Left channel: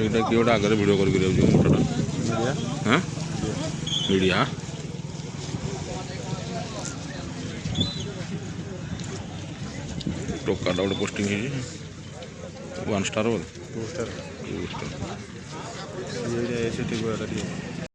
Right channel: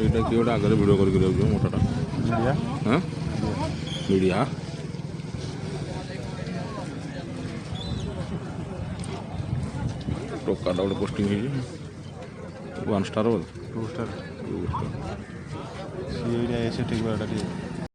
ଏଇଟା କିଏ ଗୋଟେ ଆଗରେ ଭିଡ଼ିଓ କରିକି ଯାଉଛି ମୋଟାଟା ହଁ ମିଡ଼ିଆ ଟୋକାଟା ଗୋଟେ ପୋଷ୍ଟିଂ ହେଇଛି 1 ଷ୍ଟାର ବୋଧେ 2 ଷ୍ଟାର